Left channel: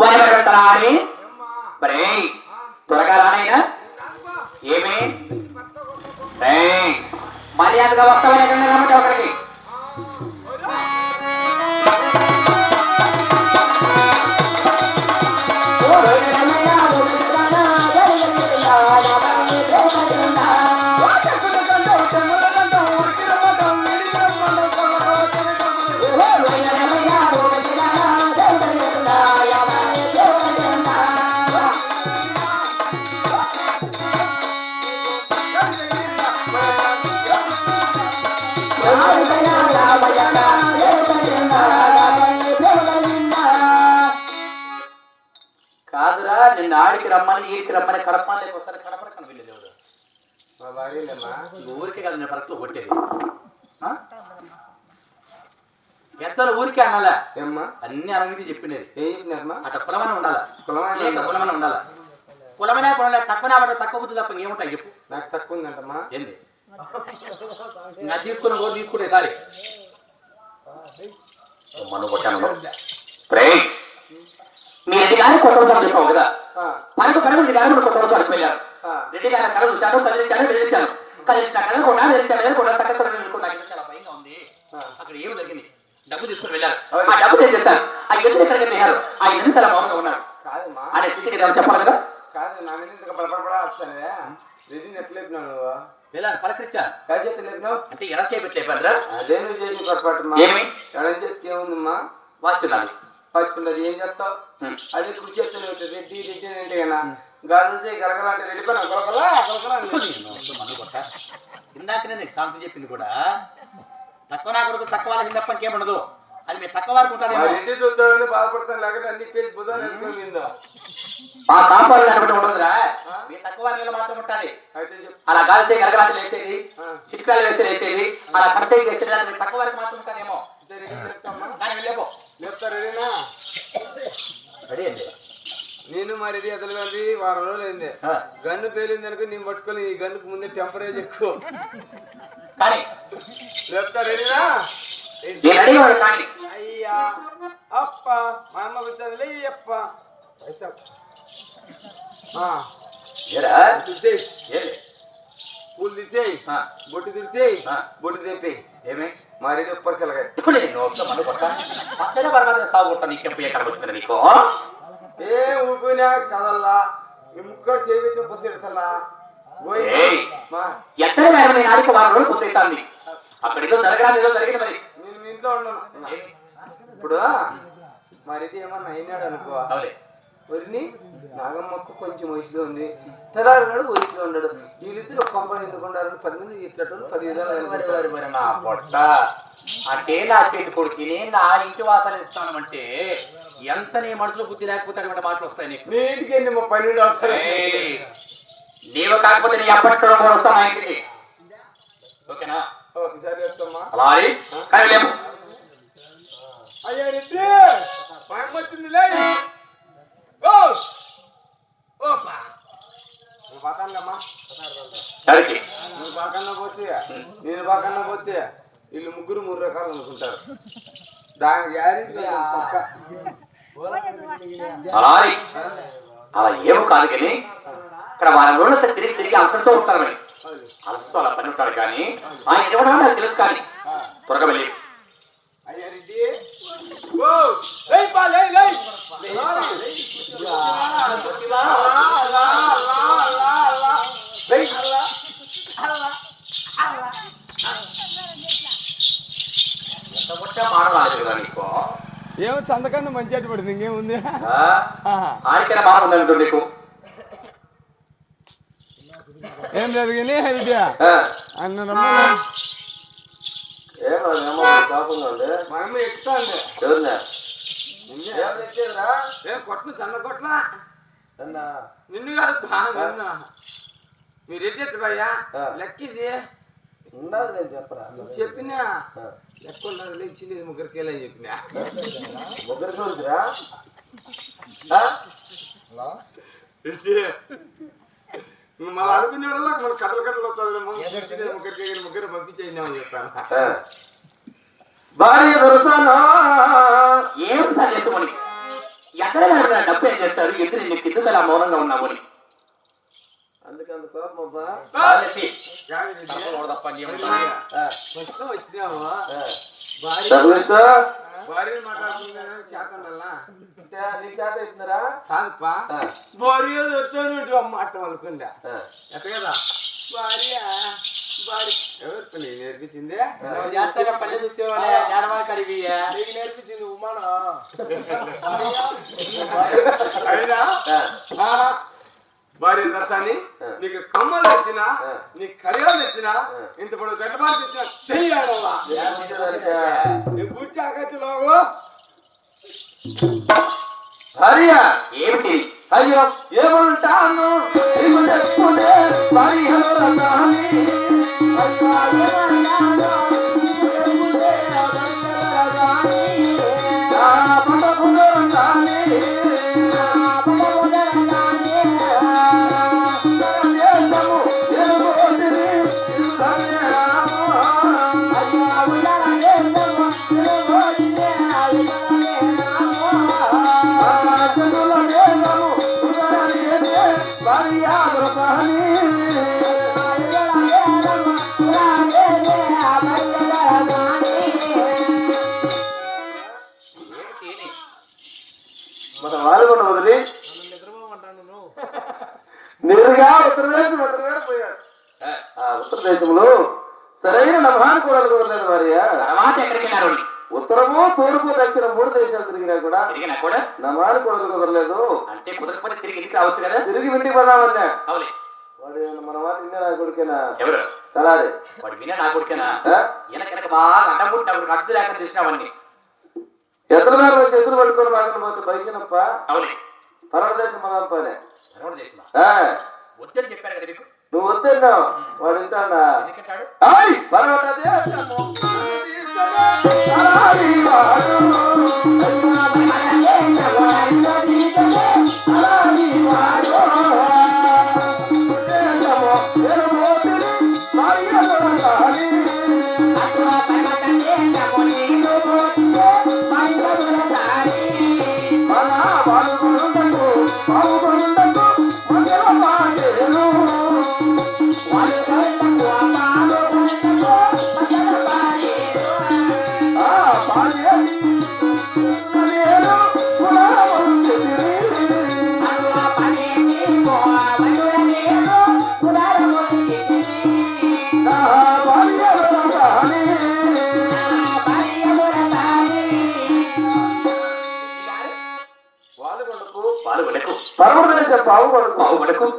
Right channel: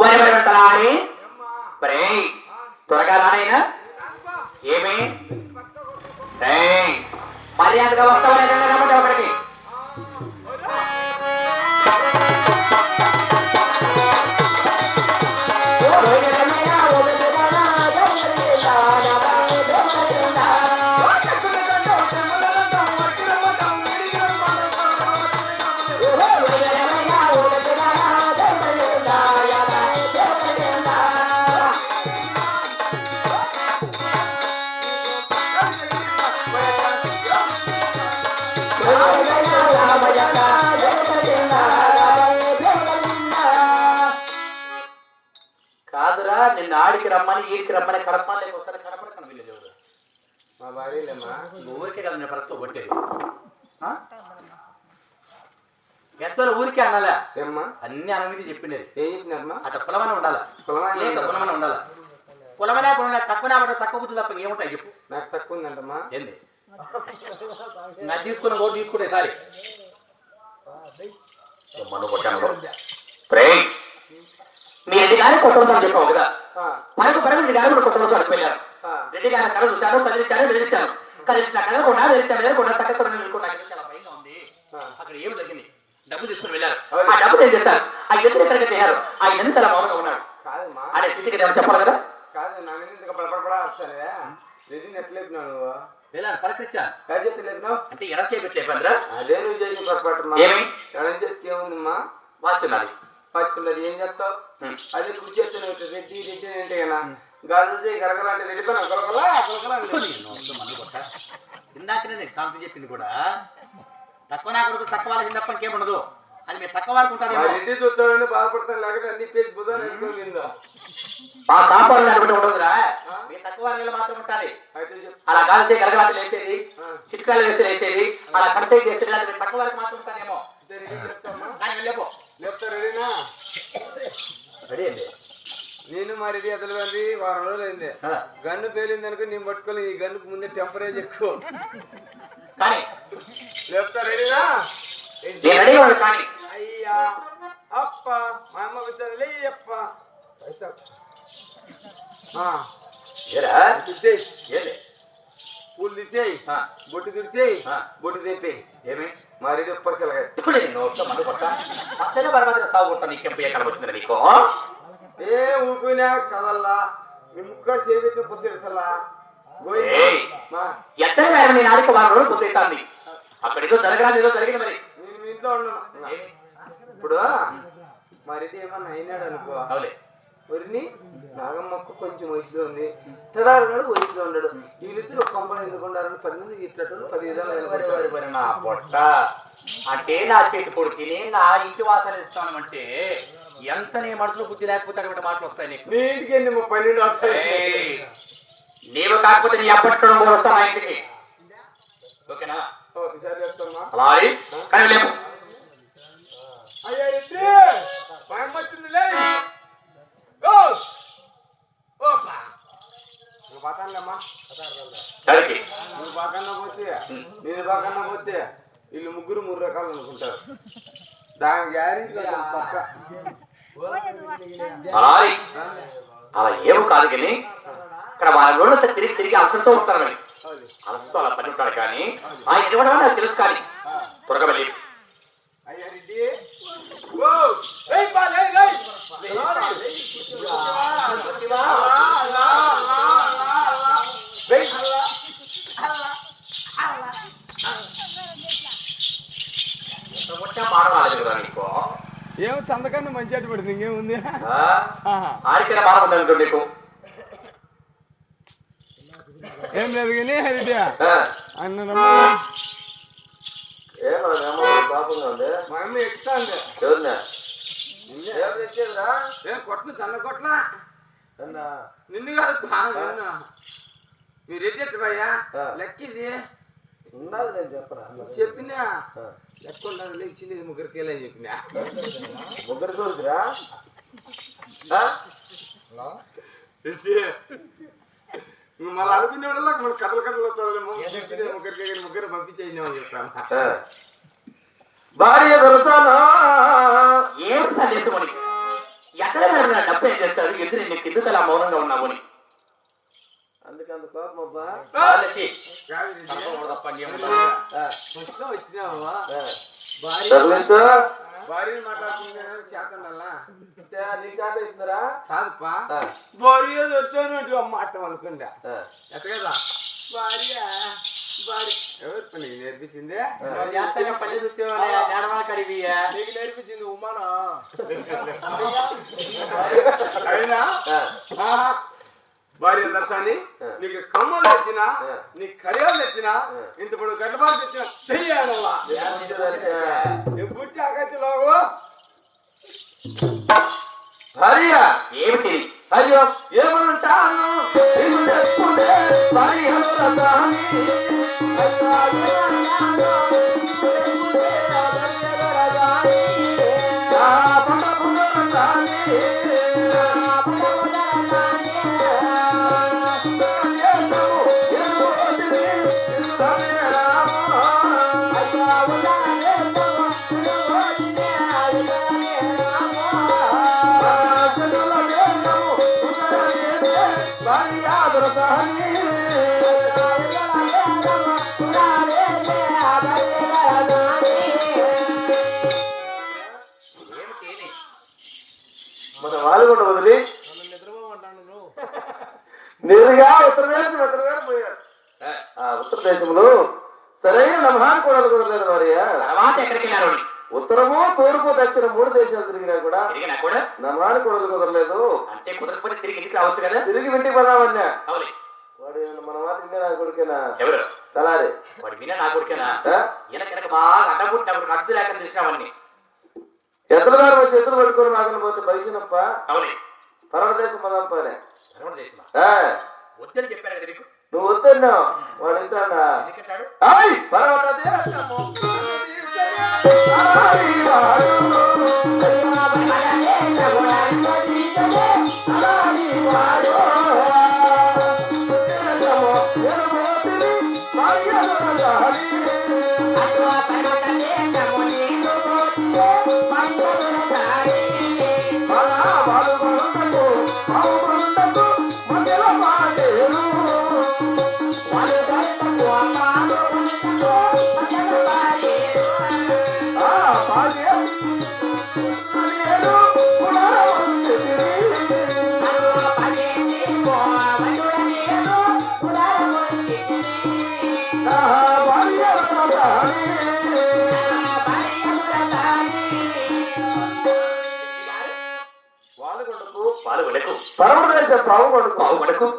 వారి మరి త్వరగా రానైనా ఏమి మర్యాదగా వస్తామని కాదురా నిన్న ఆడికి రమ్మని ఈడికి రమ్మని కడపని ఊరికే కదా నేను పరతో కొట్టేది ఎంతలో ఊరికే అనాలా అన్ని అనుమతి చెప్పిండేది అట్లా కులమన ఉండాలా కులమన ఉండాలా కులమైనా కులం తక్కువ తక్కువ బుద్ధి తప్ప ఏముంటాయి చెప్పు నాకు తక్కువ ఉందంటమ్మా ఏంది నాకు తీసుకుని ఓటు తీసుకుంటే సారి మీ ఎదిగానే కొట్టడం చెప్పవుగా నాకు పనులు గారు కొట్టడం చెప్పారు రెడ్డి గారు కలుస్తాను కలిస్తాను వెళ్తాను అక్కడ ఏమి జరిగింది డబ్బు తీసుకుని వెళ్ళారు ఆ డబ్బు ఏం చేస్తారు ఆ ఎదురు ఎక్కడికి వెళ్ళారు ఆ ఎదురు మౌనంగా ఉన్నాడు ఆయన స్థితికి చెప్పాలిగా కాదు నా రెడ్డిని ఎట్లా వెళ్ళాను పలకరించా అంటే ఎడ చేపెట్టలేపారా అదే ఏమి ఎడ చేతి ఏముందమ్మా వాచున్నాను వాచున్నది ఏం చేస్తావు అదే కూర్చేస్తూ రెడ్డి రెడ్డి అంటే కదా గాలి గరగరాటి రెడ్డి ఇందాకనే నీకు సాంతి చెప్పింది కూడా తక్కువ నా కొడుకు తక్కువ వాళ్ళకి తప్ప ఇంకేముండదు అది మీరు తక్కువ వారికి ఉంటారు రెడ్డి చూస్తారని బాధపడతాను లేకపోతే అన్ని పేజ్ భుజాలు వేసుకొని తక్కువ వాళ్ళలో మాత్రం ఉంటాయి అలా గాలి గరగరాటి వేసేది చిట్కాలు వేసేది అలా కట్టే వేసేది తక్కువ వాళ్ళకి మాత్రం ఉంటారేమో నేను మా రెడీ ఎదలది వారం రోజులు అయింది గన్ను పేలింది అనుకో నేను పట్టుకొని ఈ గన్నుకు ముందే టెంపరేచర్ ఎక్కువ చెప్తారేనా అయ్యా అప్ప మా అమ్మ వచ్చాను లేప్ప పైసా పూలు తీసేయి బొట్టు తీసేయి బొట్టు తెప్పి ఏమి మరి ఏ ఊపినా చదల్లా మీ ముక్కడు చేపెట్టిన పుస్తకలా నేను ఇంట్లో ఉన్నాను ఇప్పుడు మరి ఏమన్నా అయినాడు అనుకో ఒరిని నాగమ్మకు కొంచెం వయసులో ఉంది తరారు ఉన్నాడు వయసులో ఉన్నాడు వీళ్ళిద్దరు ఒక కంపని ఎందుకు ఉండాలని 10 మంది ఇట్లట్టు 10 విధాలు అంటే నా చేతి కొడుకు నా ఇంటి వాసన ఇస్తానంటే ఎంత నీ మనసులో బుద్ధి లేకపోతే అటువంటి మాటలు వస్తాయి నీకు నీ ఇంటికి ఎన్ని 12 వస్తాయి నీవు కాకపోతే నీ అప్పట్టడం వస్తాం మా ఇంటికి ఓకేనా ఒకసారి చెప్తామా అలాగే అయ్యా రెడ్డి మా అమ్మ వచ్చింది లే నువ్వు బాకన్నా పోతే వీళ్ళు ముగ్గురు 3 రకాలు అనుకుంటారు దాని గ్యారెంటీ పక్క ఏం కాదు కానీ ఇక్కడ వారి తిరిగి అసలుతో ఉంటారు అసలు అలా పని ఉంటాడు కానీ తెలుసు కానీ త్వరగా అయ్యా రెడ్డి ఏమో చందకన్నా మంచి అటు పడుతుంది ఇంకేముంది ఏం లేదు కానీ రెడ్డి అన్న కొట్టిన చల్ల కొట్ల నిన్ను కాదు మీరు ఎట్టేట్టు భయ్యా లెక్కిది ఉండాలి నేను చెప్పరా చెప్పినా లెక్క ఉండాలి లేచింది ముగ్గురికేలా అని చెప్పినా ముగ్గురికి వద్దురా మళ్ళీ అనుకునేవాళ్ళ మన కథలు వస్తారేమో ముగ్గురు పంపించేద్దామని చెప్తాను భార్య దొరసానా ఏం ఎక్కడ డబ్బు ఏం చేస్తారు ఎదురు నీకు ఇద్దరు అలా మౌనంగా ఉన్నావు అని అందుకంత కోపం అబ్బా వచ్చినావా భార్య మాట్లాడుకుంటే చేతనల్లా నీ చేత అవుతున్నారా కాదుపా భార్య వచ్చాను మాట అనుకుంటా ఎట్ట కదా భార్య భార్య ఎవరు పని నేర్పించింది నీకు నేర్పించింది ఉమానా అయినా భార్య దర్శాన్ని నీకు కమ్మలు తెచ్చినా నీకు కడియాలు తెచ్చినా ఇంత పొడు గడ్డబాటు తెచ్చిన తెయ్యాలా పూర్తి ఆగచ్చులోగు భార్య ఏమిటి అయ్యో ఏమంటాను నేరుగా ఉత్తరదేశంలో సరైన మహానుభావులు కోరలేదు భార్య ఉత్తరము తూర్పు దక్షిణ 3 దేశాలు తిరిగినా కూడా నమాను కొడుకు కుదరలేదు తిరిగి ఇంటికి పోదామన్నా వాడు మన మాట విన్నా నా కొడుకేనా తలారి ఎదురు చేతులు పట్టుకోవడం ఆగని పోతే భవిష్యనప్ప తర్వాత దేశం మొదలుపోలే వద్దని చెప్పారు కదా మీకు నువ్వు వద్దన్నావు వాడు వింటాడా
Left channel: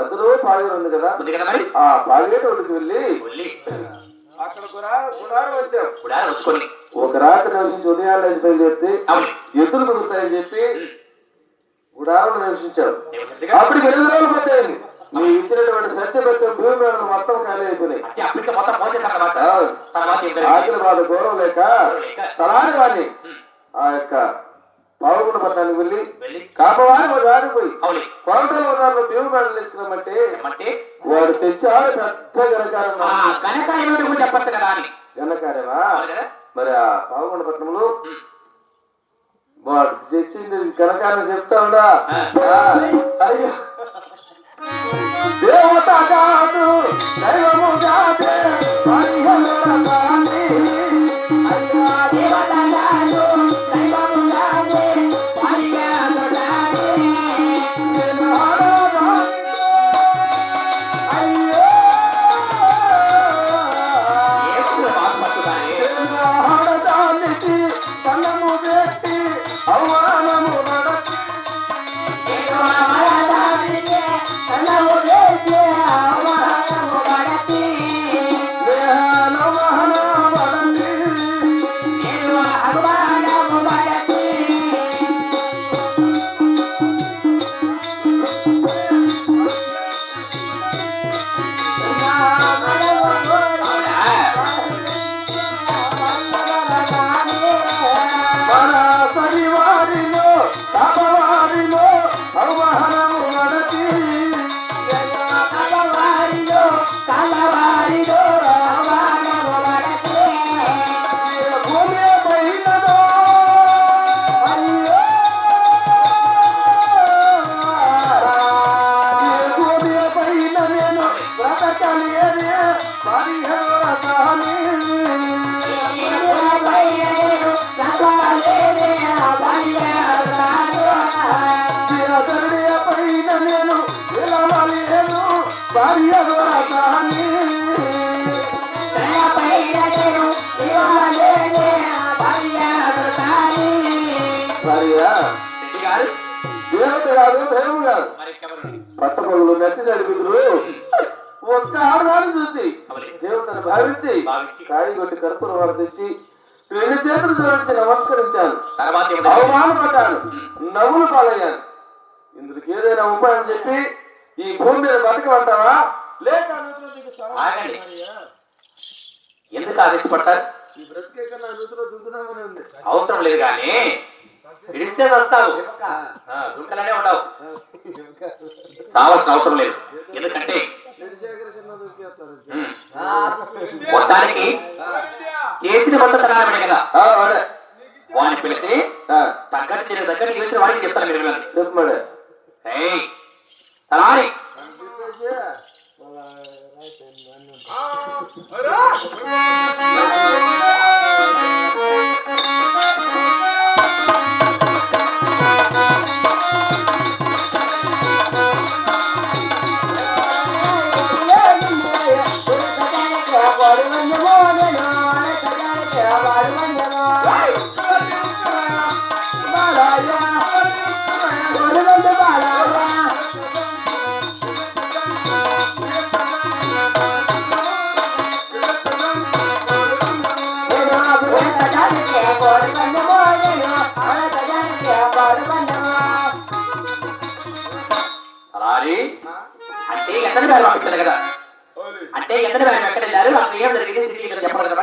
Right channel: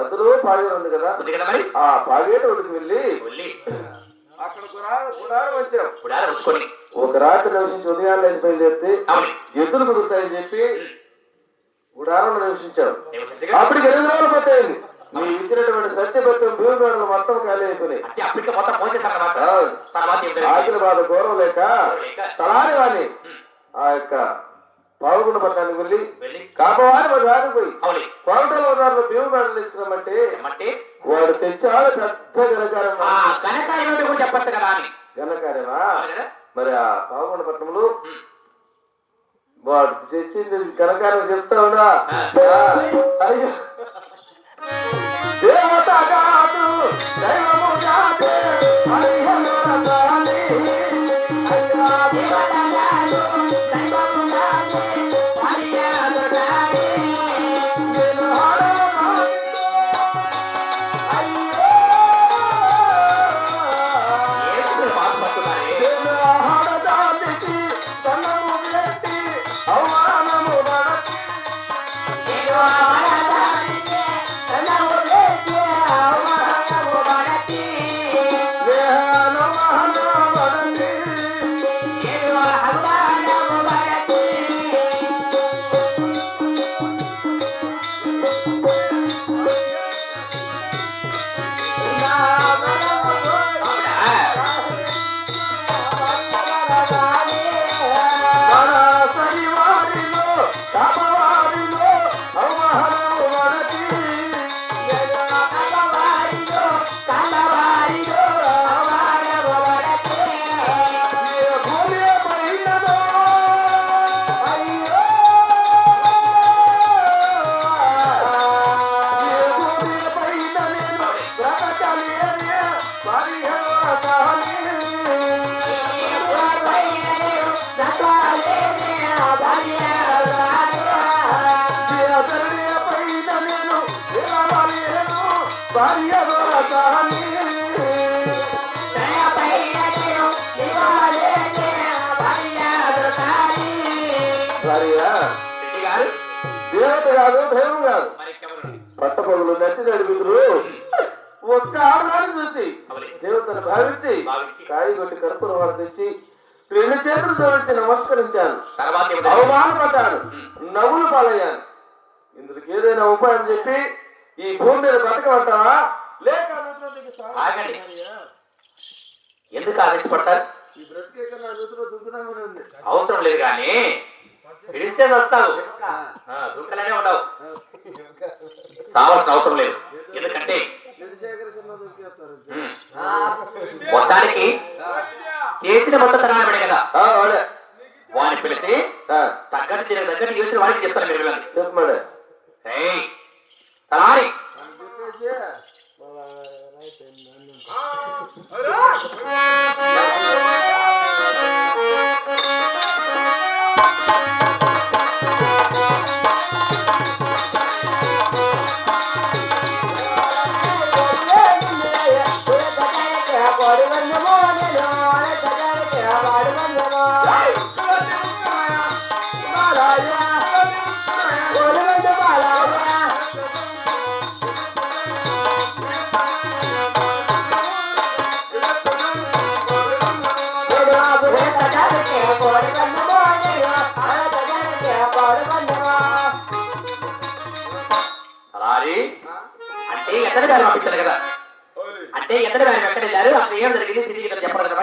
మధ్యలో పాడే ఉంది కదా ఆ పాడేటోడికి వెళ్ళి అక్కడ వచ్చారు ఒక రాత్రి నివసించి ఉదయాన్నే చేస్తే ఎదురు కుదురుతాయని చెప్పి గుడారం నివసించారు. అప్పుడు ఎదురు పోతాయి నీ ఇచ్చినటువంటి సత్యవత్వం భూమి మొత్తం ఖాళీ అయిపోయినాయి. ఆఖరి వాళ్ళు గౌరవం లేక తలారి వాడిని ఆ యొక్క పావుగుండ పట్టానికి వెళ్ళి కాపవాడు దారి పోయి కోటలో ఉన్న భీమగాడలు ఇస్తున్నామంటే వాడు తెచ్చాడు పెద్ద గణకార్యమా మరి ఆ పావుగుండ పట్టణంలో వాడు తెచ్చింది గణకార్యం చెప్తాడా దేవత కాదు దైవము కాదే గారు దేవత కాదు దైవం కాదు పట్టపడులు నచ్చి నడిపిದ್ರು ఒక్క ఆధారం చూసి దేవతను భావించి కాయి కొట్టి కర్పూరం వర్తించి 2 చేతులు జోడించి నమస్కరించాను. అవమానపడ్డాను, నవ్వులు పాలయ్యాను. ఇందుకు ఏదైనా ఉపాయం చెప్పి ఈ భూమి మీద బతకమంటావా లేక నూతిలో దిగుతావా? ఎందుకు ఆవేశపడతారు? ఈ బ్రతికే కన్నా నూతిలో దుంకుదామని ఉంది. అవసరం లేదు కానీ పిలిస్తే వస్తావు, దుంకలనే ఉండవు. రావాల్సిన అవసరం లేదు. ఎందుకంటే దానికి చేసిన మొదటి కారణమే కదా. వాడిని పిలిచి దగ్గర తీసి వాడికి చెప్తాను. మీరు చెప్పమడే అంటే ఎక్కడ కదా, అంటే ఎక్కడ ఎక్కడ చెప్పకూడదు.